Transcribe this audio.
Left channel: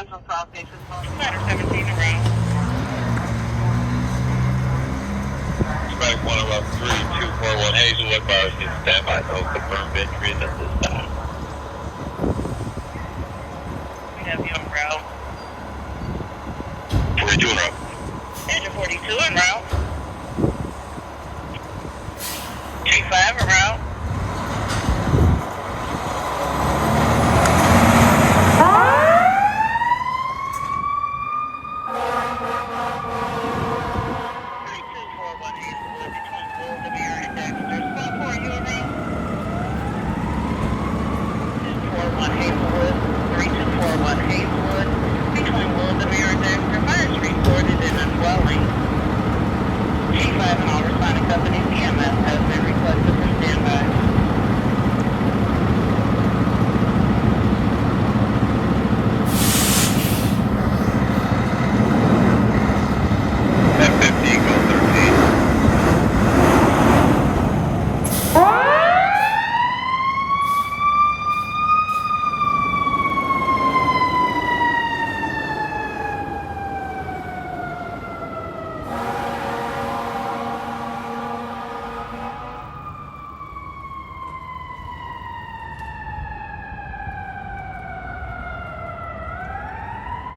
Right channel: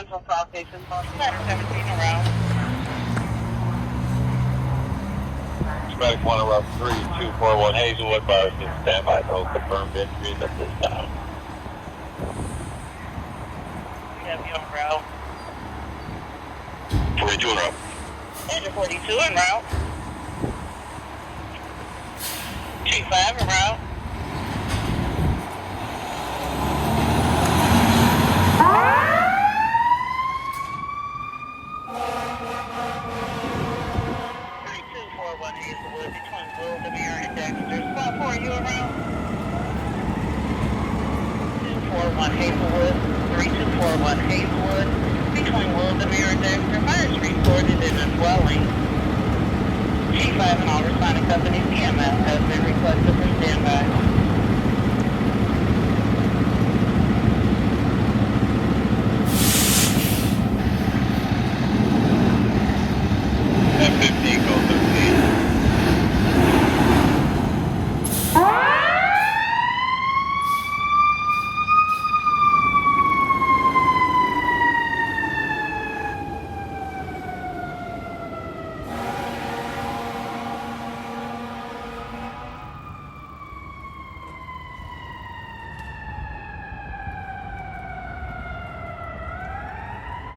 Central South Station, Ladder 17 around. Strike 103-241 Hazelwood, Bars in standby, no confirmed entries at this time. We have you en route. 42 en route. Engine 42 en route. G5 en route. Hazelwood between Wildemeer and Dexter. Spot 4, you around? 241 Hazelwood, 3241 Hazelwood between Wildemeer and Dexter. Fires reported in a dwelling. G5 and all responding companies, EMS has been requested for standby. F-15, go 13.